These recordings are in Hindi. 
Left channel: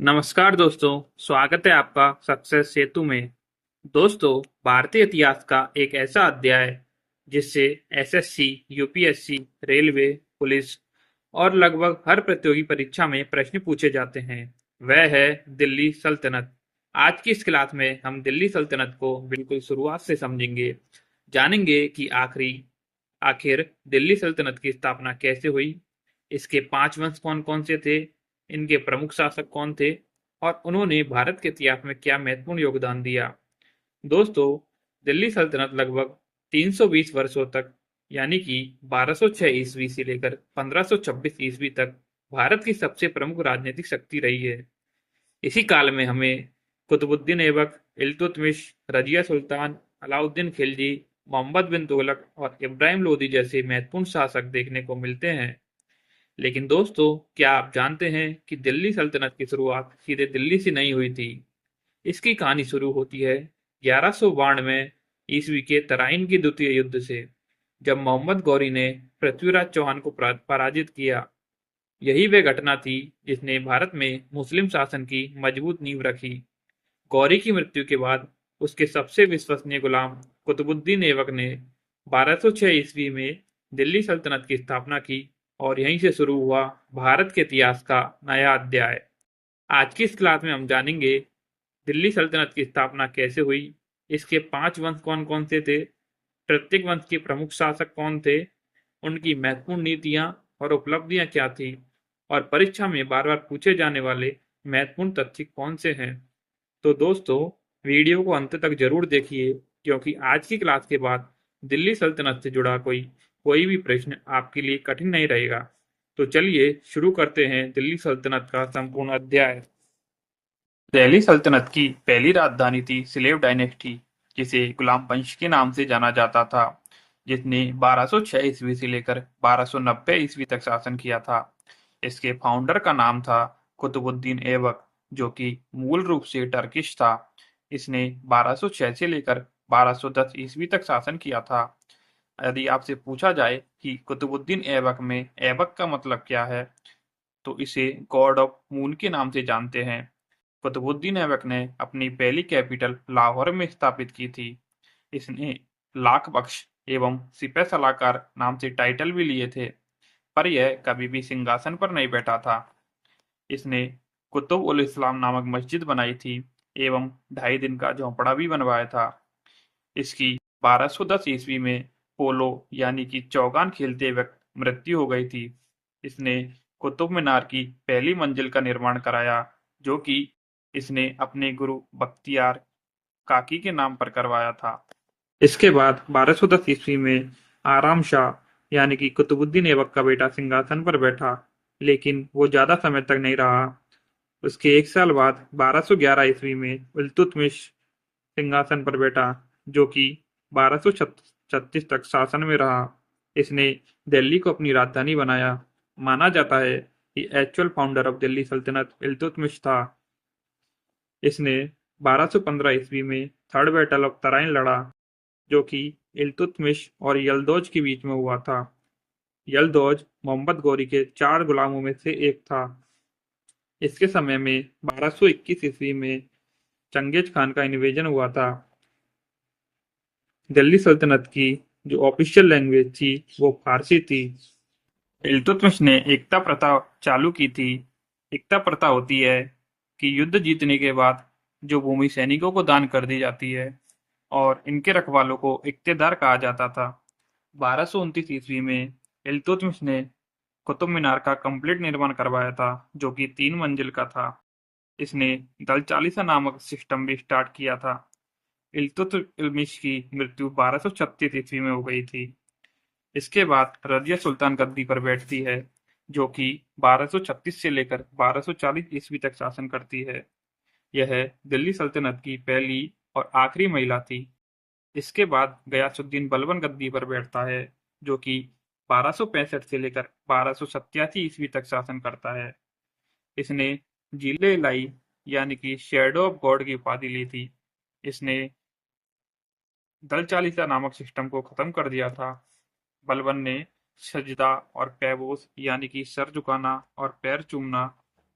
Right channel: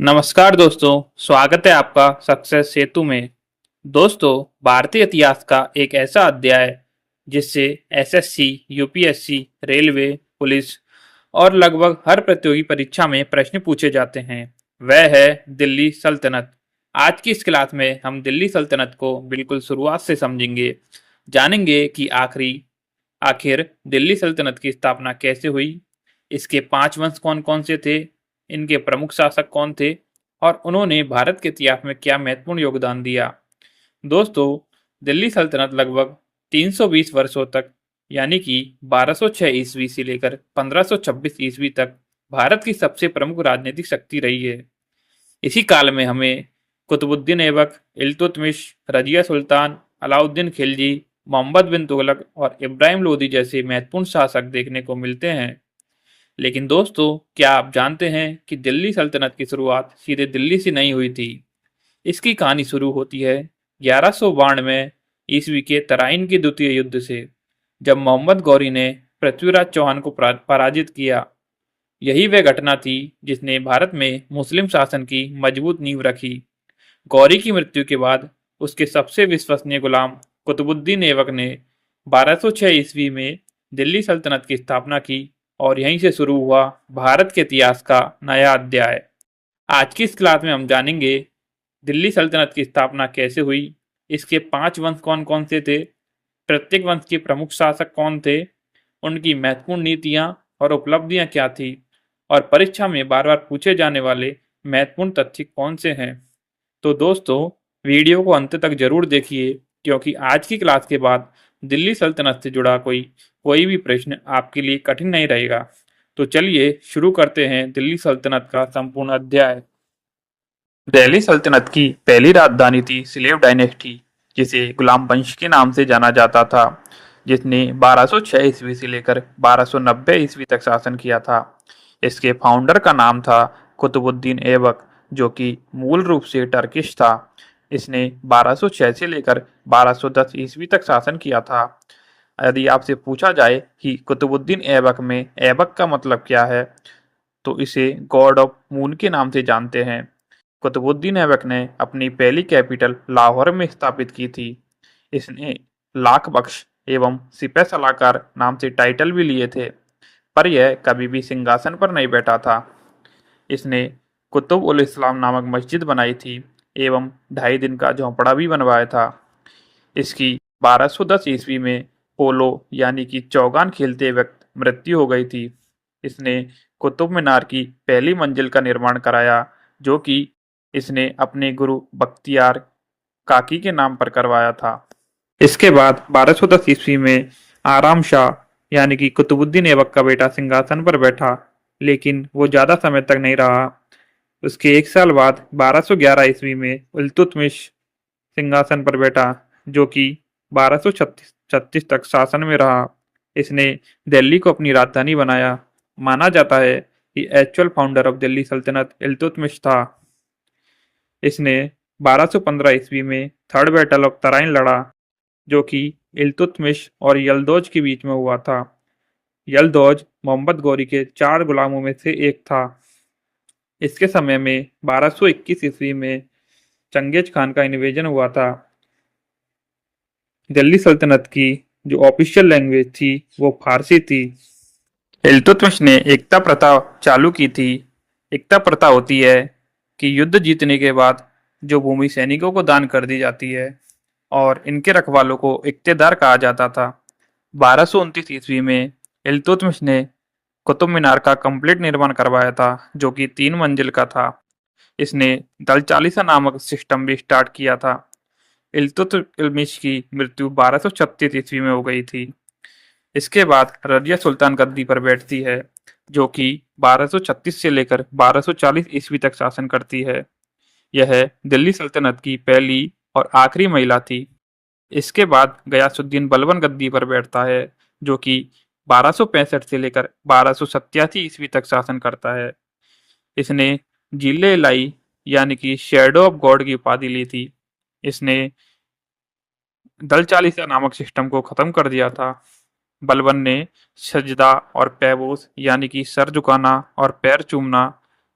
नमस्कार दोस्तों, स्वागत है आपका सक्सेस सेतु में। दोस्तों, भारतीय इतिहास का एक ऐसा अध्याय जिससे एसएससी, यूपीएससी, रेलवे, पुलिस और लगभग हर प्रतियोगी परीक्षा में प्रश्न पूछे जाते हैं, वह है दिल्ली सल्तनत। आज की इस क्लास में हम दिल्ली सल्तनत को बिल्कुल शुरुआत से समझेंगे, जानेंगे कि आखिर दिल्ली सल्तनत की स्थापना कैसे हुई, इसके 5 वंश कौन-कौन से थे, इनके प्रमुख शासक कौन थे और उन्होंने भारत के इतिहास में क्या महत्वपूर्ण योगदान दिया। दोस्तों, दिल्ली सल्तनत लगभग 320 वर्षों तक यानी कि 1206 ईस्वी से लेकर 1526 ईस्वी तक भारत की सबसे प्रमुख राजनीतिक शक्ति रही है। इसी काल में हमें कुतुबुद्दीन ऐबक, इल्तुतमिश, रजिया सुल्तान, अलाउद्दीन खिलजी, मोहम्मद बिन तुगलक और इब्राहिम लोदी जैसे महत्वपूर्ण शासक देखने को मिलते हैं। लेकिन दोस्तों, क्या आप जानते हैं कि दिल्ली सल्तनत की शुरुआत सीधे दिल्ली से नहीं हुई थी? इसकी कहानी शुरू होती है 1192 ईस्वी के तराइन के द्वितीय युद्ध से, जब मोहम्मद गौरी ने पृथ्वीराज चौहान को पराजित किया। यही वह घटना थी जिसने भारत में मुस्लिम शासन की मजबूत नींव रखी। गौरी की मृत्यु के बाद उसके सबसे विश्वसनीय गुलाम कुतुबुद्दीन ऐबक ने 1206 ईस्वी में दिल्ली सल्तनत की स्थापना की और यहीं से शुरू हुआ भारत के इतिहास का नया अध्याय। आज की इस क्लास में हम जानेंगे दिल्ली सल्तनत की स्थापना कैसे हुई, इसके 5 वंश कौन-कौन से थे, प्रत्येक वंश के प्रमुख शासक कौन थे, उनकी महत्वपूर्ण नीतियां और उपलब्धियां क्या थी और परीक्षा में बार-बार पूछे जाने वाले महत्वपूर्ण तथ्य कौन से हैं। तो दोस्तों, वीडियो को अंत तक जरूर देखिए, क्योंकि आज की क्लास के बाद दिल्ली सल्तनत से जुड़ा कोई भी प्रश्न आपके लिए कठिन नहीं रहेगा। तो चलिए शुरू करते हैं दिल्ली सल्तनत का संपूर्ण अध्याय। दिल्ली सल्तनत की पहली राजधानी थी स्लेव डायनेस्टी, जिसे गुलाम वंश के नाम से जाना जाता था, जिसने 1206 ईस्वी से लेकर 1290 ईस्वी तक शासन किया था। इसके फाउंडर का नाम था कुतुबुद्दीन ऐबक, जो कि मूल रूप से टर्किश था। इसने 1206 से लेकर 1210 ईस्वी तक शासन किया था। यदि आपसे पूछा जाए कि कुतुबुद्दीन ऐबक में ऐबक का मतलब क्या है, तो इसे गॉड ऑफ मून के नाम से जानते हैं। कुतुबुद्दीन ऐबक ने अपनी पहली कैपिटल लाहौर में स्थापित की थी। इसने लाख बख्श एवं सिपह सलाहकार नाम से टाइटल भी लिए थे, पर यह कभी भी सिंहासन पर नहीं बैठा था। इसने कुतुब उल इस्लाम नामक मस्जिद बनाई थी एवं 2.5 दिन का झोंपड़ा भी बनवाया था। इसकी 1210 ईस्वी में पोलो यानी कि चौगान खेलते वक्त मृत्यु हो गई थी। इसने कुतुब मीनार की पहली मंजिल का निर्माण कराया, जो कि इसने अपने गुरु बख्तियार काकी के नाम पर करवाया था। इसके बाद 1210 ईस्वी में आराम शाह यानी कि कुतुबुद्दीन ऐबक का बेटा सिंहासन पर बैठा, लेकिन वो ज़्यादा समय तक नहीं रहा। उसके 1 साल बाद 1211 ईस्वी में इल्तुतमिश सिंहासन पर बैठा, जो कि 1236 तक शासन में रहा। इसने दिल्ली को अपनी राजधानी बनाया। माना जाता है कि एक्चुअल फाउंडर ऑफ दिल्ली सल्तनत इल्तुतमिश था। इसने 1215 ईस्वी में थर्ड बैटल ऑफ तराइन लड़ा, जो कि इल्तुतमिश और यलदौज के बीच में हुआ था। यलदौज मोहम्मद गौरी के 4 गुलामों में से एक था। इसके समय में 1221 ईस्वी में चंगेज खान का इन्वेजन हुआ था। दिल्ली सल्तनत की जो ऑफिशियल लैंग्वेज थी वो फारसी थी। इल्तुतमिश ने एकता प्रथा चालू की थी। एकता प्रथा होती है कि युद्ध जीतने के बाद जो भूमि सैनिकों को दान कर दी जाती है और इनके रखवालों को इक्तेदार कहा जाता था। 1229 ईस्वी में इल्तुतमिश ने कुतुब मीनार का कंप्लीट निर्माण करवाया था, जो कि 3 मंजिल का था। इसने दल चालीसा नामक सिस्टम भी स्टार्ट किया था। इल्तुतमिश की मृत्यु 1236 ईस्वी में हो गई थी। इसके बाद रजिया सुल्तान गद्दी पर बैठती है, जो कि 1236 से लेकर 1240 ईस्वी तक शासन करती है। यह दिल्ली सल्तनत की पहली और आखिरी महिला थी। इसके बाद गयासुद्दीन बलबन गद्दी पर बैठता है, जो कि 1265 से लेकर 1287 ईस्वी तक शासन करता है। इसने जिले लाई यानी कि शैडो ऑफ गॉड की उपाधि ली थी। इसने दल चालीसा नामक सिस्टम को खत्म कर दिया था। बलबन ने सजदा और पैबोस यानी कि सर झुकाना और पैर चूमना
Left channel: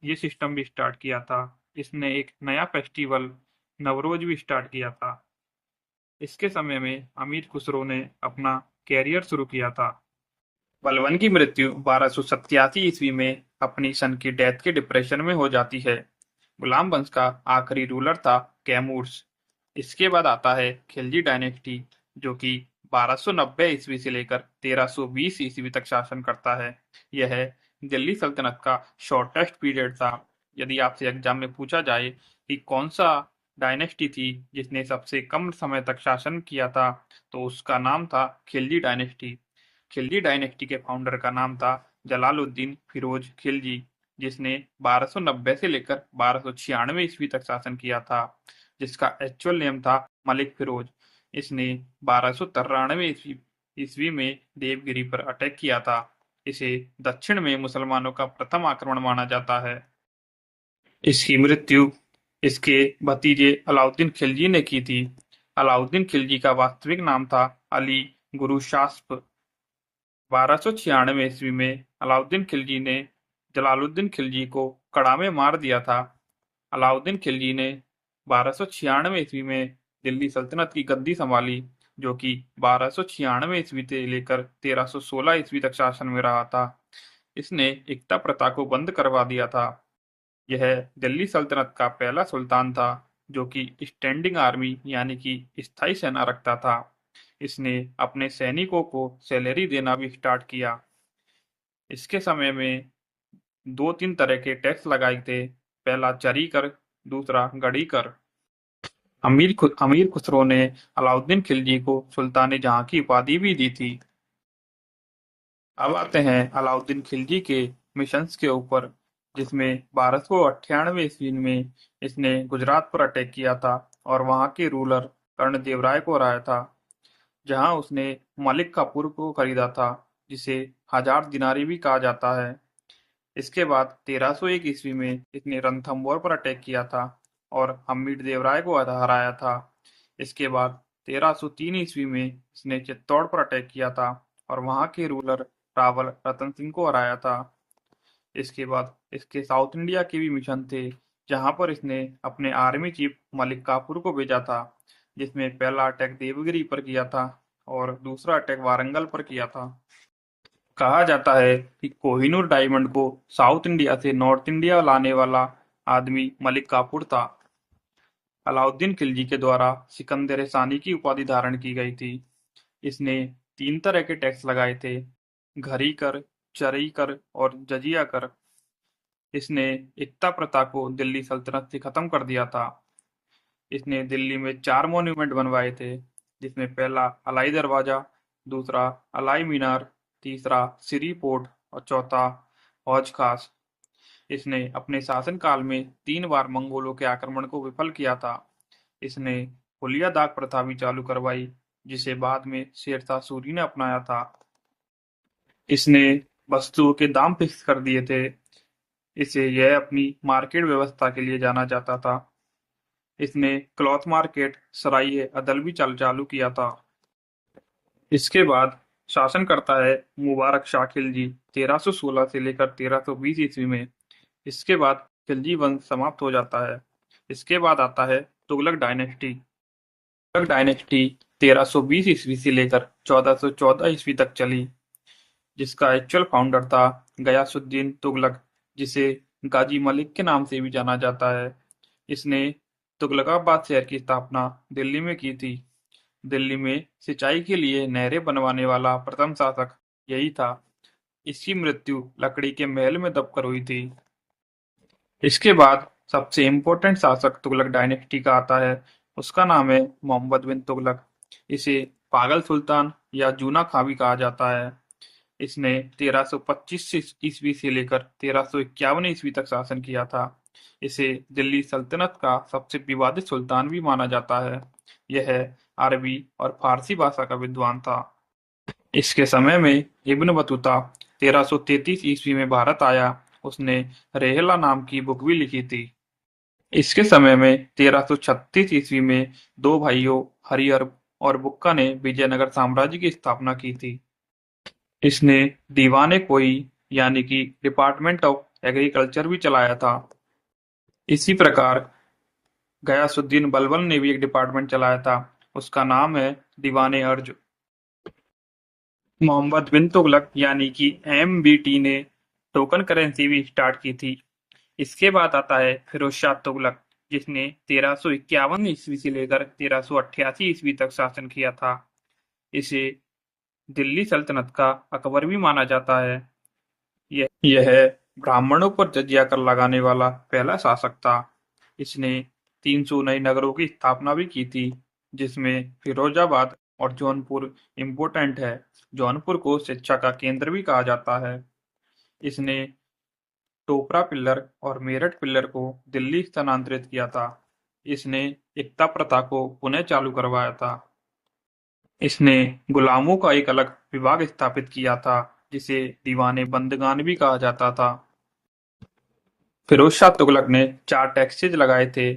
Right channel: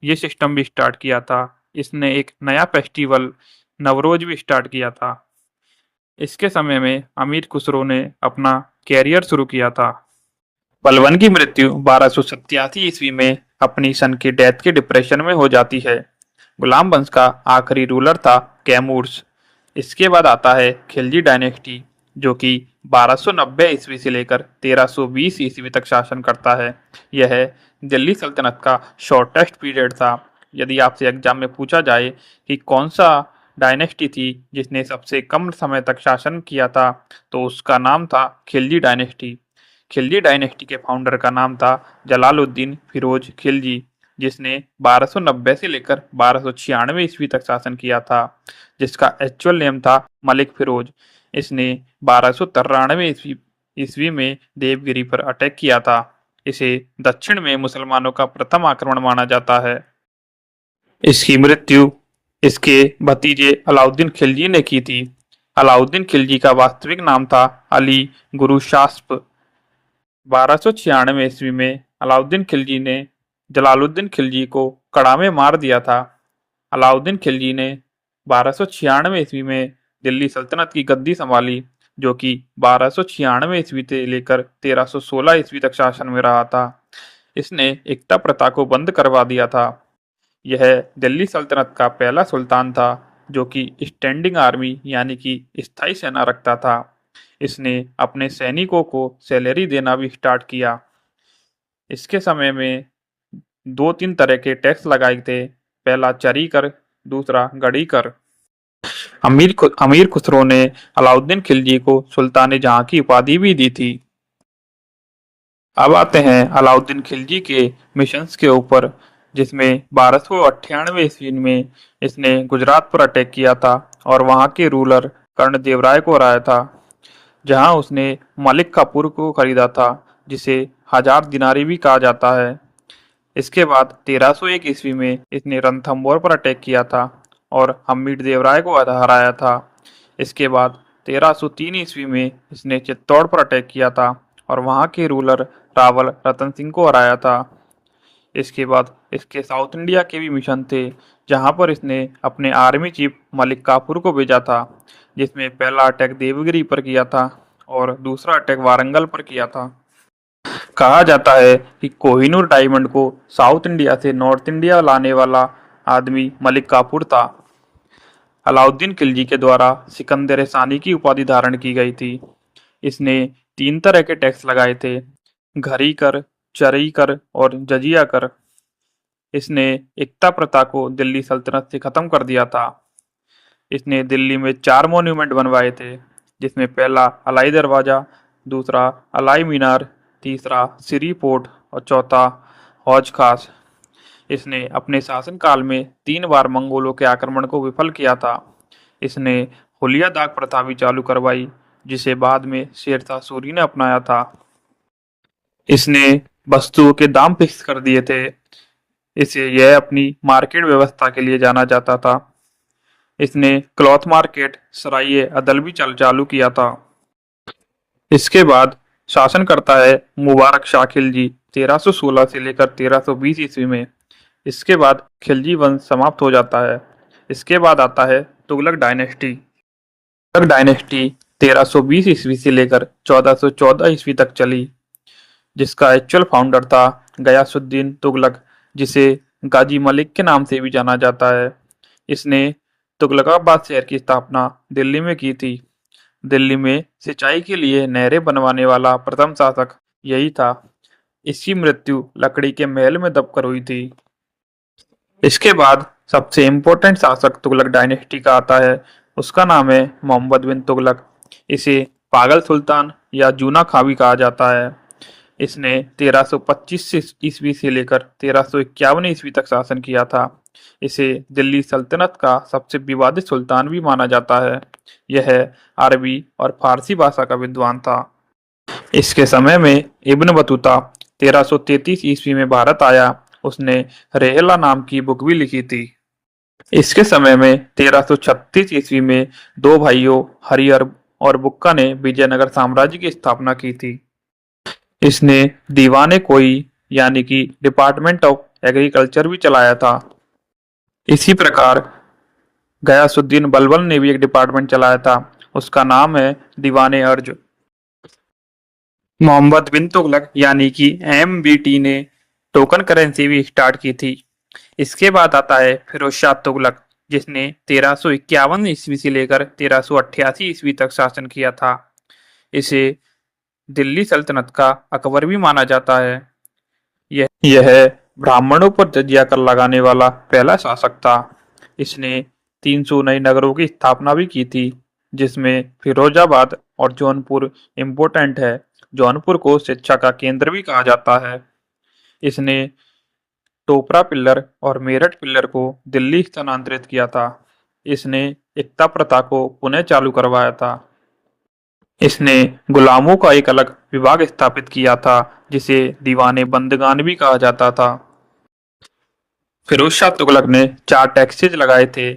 ये सिस्टम भी स्टार्ट किया था। इसने एक नया फेस्टिवल नवरोज भी स्टार्ट किया था। इसके समय में अमीर खुसरो ने अपना कैरियर शुरू किया था। बलबन की मृत्यु 1287 ईस्वी में अपनी सन की डेथ के डिप्रेशन में हो जाती है। गुलाम वंश का आखिरी रूलर था कैमूर्स। इसके बाद आता है खिलजी डायनेस्टी, जो कि 1290 ईस्वी से लेकर 1320 ईस्वी तक शासन करता है। यह दिल्ली सल्तनत का शॉर्टेस्ट पीरियड था। यदि आपसे एग्जाम में पूछा जाए कि कौन सा डायनेस्टी थी जिसने सबसे कम समय तक शासन किया था, तो उसका नाम था खिलजी डायनेस्टी। खिलजी डायनेस्टी के फाउंडर का नाम था जलालुद्दीन फिरोज खिलजी, जिसने 1290 से लेकर 1296 ईस्वी तक शासन किया था, जिसका एक्चुअल नेम था मलिक फिरोज। इसने 1293 ईस्वी ईस्वी में देवगिरी पर अटैक किया था। इसे दक्षिण में मुसलमानों का प्रथम आक्रमण माना जाता है। इसकी मृत्यु इसके भतीजे अलाउद्दीन खिलजी ने की थी। अलाउद्दीन खिलजी का वास्तविक नाम था अली गुरुशास्प। 1296 ईस्वी में अलाउद्दीन खिलजी ने जलालुद्दीन खिलजी को कड़ा में मार दिया था। अलाउद्दीन खिलजी ने 1296 ईस्वी में दिल्ली सल्तनत की गद्दी संभाली, जो कि 1296 ईस्वी से लेकर 1316 ईस्वी तक शासन में रहा था। इसने एकता प्रथा को बंद करवा दिया था। यह दिल्ली सल्तनत का पहला सुल्तान था जो कि स्टैंडिंग आर्मी यानी कि स्थायी सेना रखता था। इसने अपने सैनिकों को सैलरी देना भी स्टार्ट किया। इसके समय में दो तीन तरह के टैक्स लगाए थे। पहला चरी कर, दूसरा गड़ी कर। अमीर खुसरो ने अलाउद्दीन खिलजी को सुल्तान जहां की उपाधि भी दी थी। अब आते हैं अलाउद्दीन खिलजी के मिशंस के ऊपर, जिसमें 1298 ईस्वी में इसने गुजरात पर अटैक किया था और वहां के रूलर कर्णदेव राय को हराया था, जहां उसने मलिक काफूर को खरीदा था, जिसे हजार दिनारी भी कहा जाता है। इसके बाद 1301 ईस्वी में इसने रणथंभौर पर अटैक किया था और हम्मीद देव राय को हराया था। इसके बाद 1303 ईस्वी में इसने चित्तौड़ पर अटैक किया था और वहां के रूलर रावल रतन सिंह को हराया था। इसके बाद इसके साउथ इंडिया के भी मिशन थे, जहां पर इसने अपने आर्मी चीफ मलिक काफूर को भेजा था, जिसमें पहला अटैक देवगिरी पर किया था और दूसरा अटैक वारंगल पर किया था। कहा जाता है कि कोहिनूर डायमंड को साउथ इंडिया से नॉर्थ इंडिया लाने वाला आदमी मलिक काफूर था। अलाउद्दीन खिलजी के द्वारा सिकंदर सानी की उपाधि धारण की गई थी। इसने तीन तरह के टैक्स लगाए थे: घरी कर, चरई कर और जजिया कर। इसने एकता प्रथा को दिल्ली सल्तनत से खत्म कर दिया था। इसने दिल्ली में 4 मॉन्यूमेंट बनवाए थे, जिसमें पहला अलाई दरवाजा, दूसरा अलाई मीनार, तीसरा सिरी पोर्ट और चौथा हौज खास। इसने अपने शासनकाल में 3 बार मंगोलों के आक्रमण को विफल किया था। इसने हुलिया दाग प्रथा भी चालू करवाई, जिसे बाद में शेरशाह सूरी ने अपनाया था। इसने वस्तुओं के दाम फिक्स कर दिए थे। इसे यह अपनी मार्केट व्यवस्था के लिए जाना जाता था। इसने क्लॉथ मार्केट सराय अदल भी चालू किया था। इसके बाद शासन करता है मुबारक शाह खिलजी 1316 से लेकर 1320 ईस्वी में। इसके बाद खिलजी वंश समाप्त हो जाता है। इसके बाद आता है तुगलक डायनेस्टी। तुगलक डायनेस्टी 1320 ईस्वी से लेकर 1414 ईस्वी तक चली, जिसका एक्चुअल फाउंडर था गयासुद्दीन तुगलक, जिसे गाजी मलिक के नाम से भी जाना जाता है। इसने तुगलकाबाद शहर की स्थापना दिल्ली में की थी। दिल्ली में सिंचाई के लिए नहरें बनवाने वाला प्रथम शासक यही था। इसकी मृत्यु लकड़ी के महल में दबकर हुई थी। इसके बाद सबसे इम्पोर्टेंट शासक तुगलक डायनेस्टी का आता है। उसका नाम है मोहम्मद बिन तुगलक। इसे पागल सुल्तान या जूना खां भी कहा जाता है। इसने 1325 ईस्वी से लेकर 1351 ईस्वी तक शासन किया था। इसे दिल्ली सल्तनत का सबसे विवादित सुल्तान भी माना जाता है। यह अरबी और फारसी भाषा का विद्वान था। इसके समय में इब्न बतूता 1333 ईस्वी में भारत आया। उसने रेहला नाम की बुक भी लिखी थी। इसके समय में 1336 ईस्वी में दो भाइयों हरिहर और बुक्का ने विजयनगर साम्राज्य की स्थापना की थी। इसने दीवाने कोई यानी कि डिपार्टमेंट ऑफ एग्रीकल्चर भी चलाया था। इसी प्रकार गयासुद्दीन बलबन ने भी एक डिपार्टमेंट चलाया था, उसका नाम है दीवाने अर्ज। मोहम्मद बिन तुगलक यानी कि MBT ने टोकन करेंसी भी स्टार्ट की थी। इसके बाद आता है फिरोज शाह तुगलक, जिसने 1351 ईस्वी से लेकर 1388 ईस्वी तक शासन किया था। इसे दिल्ली सल्तनत का अकबर भी माना जाता है। यह ब्राह्मणों पर जजिया कर लगाने वाला पहला शासक था। इसने 300 नए नगरों की स्थापना भी की थी, जिसमें फिरोजाबाद और जौनपुर इम्पोर्टेंट है। जौनपुर को शिक्षा का केंद्र भी कहा जाता है। इसने टोपरा पिल्लर और मेरठ पिल्लर को दिल्ली स्थानांतरित किया था। इसने एकता प्रथा को पुनः चालू करवाया था। इसने गुलामों का एक अलग विभाग स्थापित किया था, जिसे दीवाने बंदगान भी कहा जाता था। फिरोज शाह तुगलक ने 4 टैक्सेज लगाए थे।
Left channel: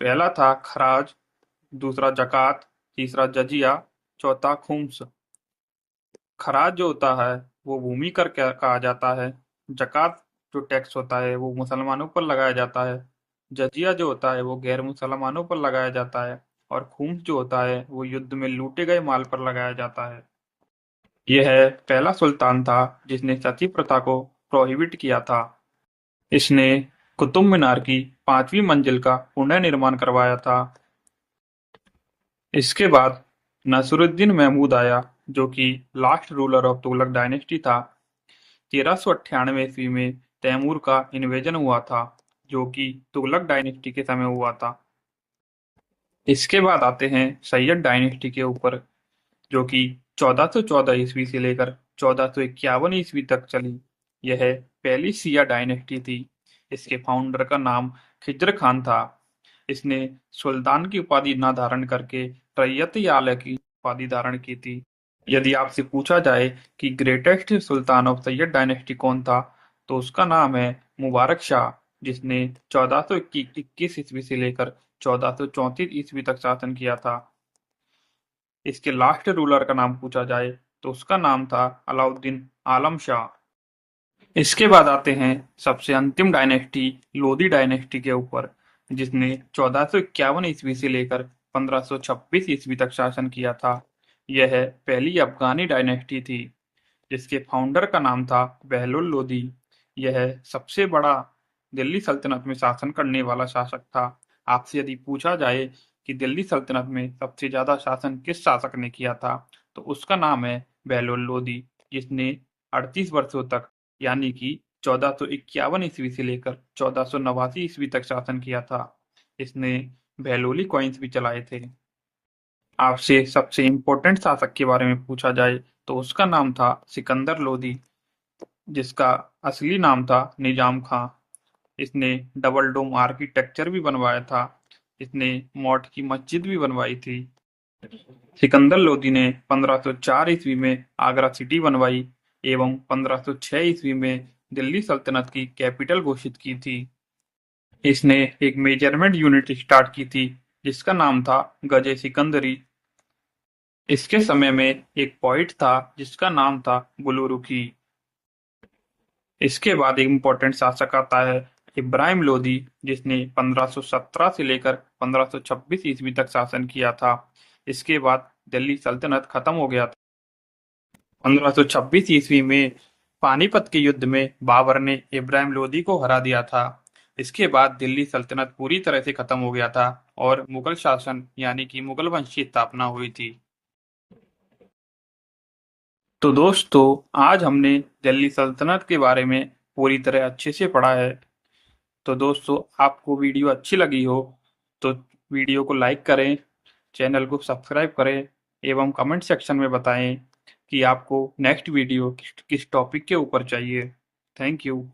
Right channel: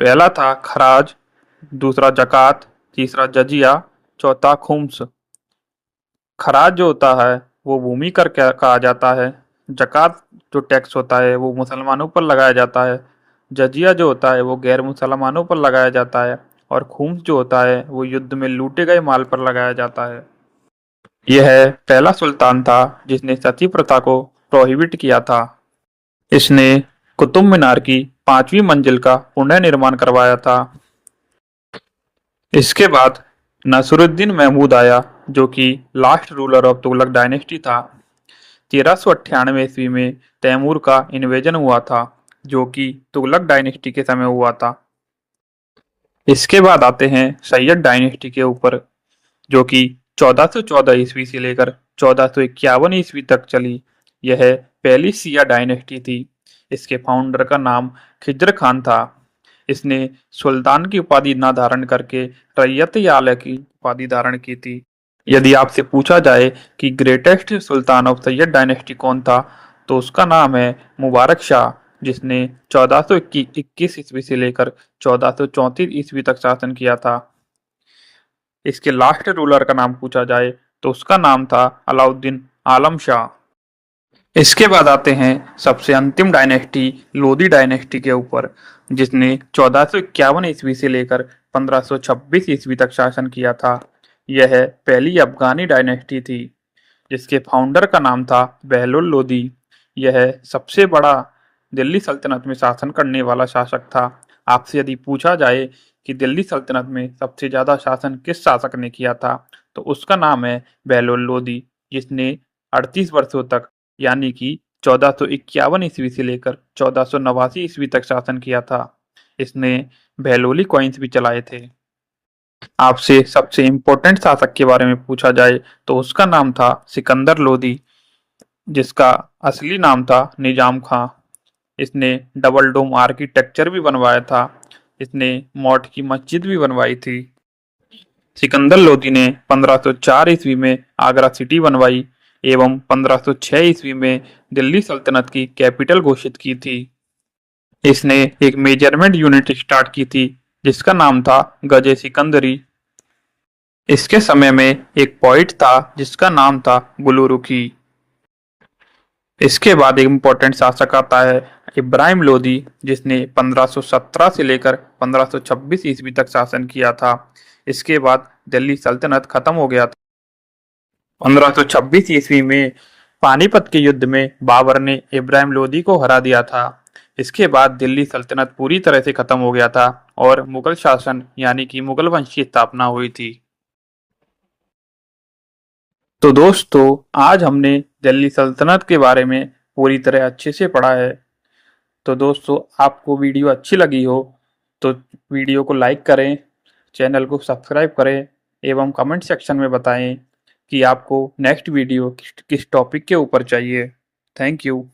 पहला था खराज, दूसरा जकात, तीसरा जजिया, चौथा खुम्स। खराज जो होता है वो भूमि कर कहा जाता है। जकात जो टैक्स होता है वो मुसलमानों पर लगाया जाता है। जजिया जो होता है वो गैर मुसलमानों पर लगाया जाता है। और खुम्स जो होता है वो युद्ध में लूटे गए माल पर लगाया जाता है। यह पहला सुल्तान था जिसने सती प्रथा को प्रोहिबिट किया था। इसने कुतुब मीनार की 5वीं मंजिल का पुनर्निर्माण करवाया था। इसके बाद नसरुद्दीन महमूद आया, जो कि last ruler of Tughlaq dynasty था। 1398 ईस्वी में तैमूर का इन्वेजन हुआ था, जो कि तुगलक डायनेस्टी के समय हुआ था। इसके बाद आते हैं सैयद डायनेस्टी के ऊपर, जो कि 1414 ईस्वी से लेकर 1451 ईस्वी तक चली। यह पहली शिया डायनेस्टी थी। इसके फाउंडर का नाम खिज्र खान था। इसने सुल्तान की उपाधि न धारण करके रैयत आला की उपाधि धारण की थी। यदि आपसे पूछा जाए कि greatest Sultan of Syed dynasty कौन था, तो उसका नाम है मुबारक शाह, जिसने 1421 ईस्वी से लेकर 1434 ईस्वी तक शासन किया था। इसके लास्ट रूलर का नाम पूछा जाए तो उसका नाम था अलाउद्दीन आलम शाह। इसके बाद आते हैं सबसे अंतिम डायनेस्टी लोधी डायनेस्टी के ऊपर, जिसने 1451 ईस्वी से लेकर 1526 ईस्वी तक शासन किया था। यह पहली अफगानी डायनेस्टी थी, जिसके फाउंडर का नाम था बहलोल लोधी। यह सबसे बड़ा दिल्ली सल्तनत में शासन करने वाला शासक था। आपसे यदि पूछा जाए कि दिल्ली सल्तनत में सबसे ज्यादा शासन किस शासक ने किया था, तो उसका नाम है बहलोल लोधी, जिसने 38 वर्षों तक यानी कि 1451 ईस्वी से लेकर 1489 ईस्वी तक शासन किया था। इसने बहलोली कॉइन्स भी चलाए थे। आपसे सबसे इम्पोर्टेंट शासक के बारे में पूछा जाए तो उसका नाम था सिकंदर लोदी, जिसका असली नाम था निजाम खां। इसने डबल डोम आर्किटेक्चर भी बनवाया था। इसने मौट की मस्जिद भी बनवाई थी। सिकंदर लोदी ने 1504 ईस्वी में आगरा सिटी बनवाई एवं 1506 ईस्वी में दिल्ली सल्तनत की कैपिटल घोषित की थी। इसने एक मेजरमेंट यूनिट स्टार्ट की थी, जिसका नाम था गजे सिकंदरी। इसके समय में एक पॉइंट था जिसका नाम था गुलुरुखी। इसके बाद एक इम्पोर्टेंट शासक आता है इब्राहिम लोदी, जिसने 1517 से लेकर 1526 ईस्वी तक शासन किया था। इसके बाद दिल्ली सल्तनत खत्म हो गया था। 1526 ईस्वी में पानीपत के युद्ध में बाबर ने इब्राहिम लोदी को हरा दिया था। इसके बाद दिल्ली सल्तनत पूरी तरह से खत्म हो गया था और मुगल शासन यानी कि मुगल वंश की स्थापना हुई थी। तो दोस्तों, आज हमने दिल्ली सल्तनत के बारे में पूरी तरह अच्छे से पढ़ा है। तो दोस्तों, आपको वीडियो अच्छी लगी हो तो वीडियो को लाइक करें, चैनल को सब्सक्राइब करें एवं कमेंट सेक्शन में बताएं कि आपको नेक्स्ट वीडियो किस टॉपिक के ऊपर चाहिए। Thank you.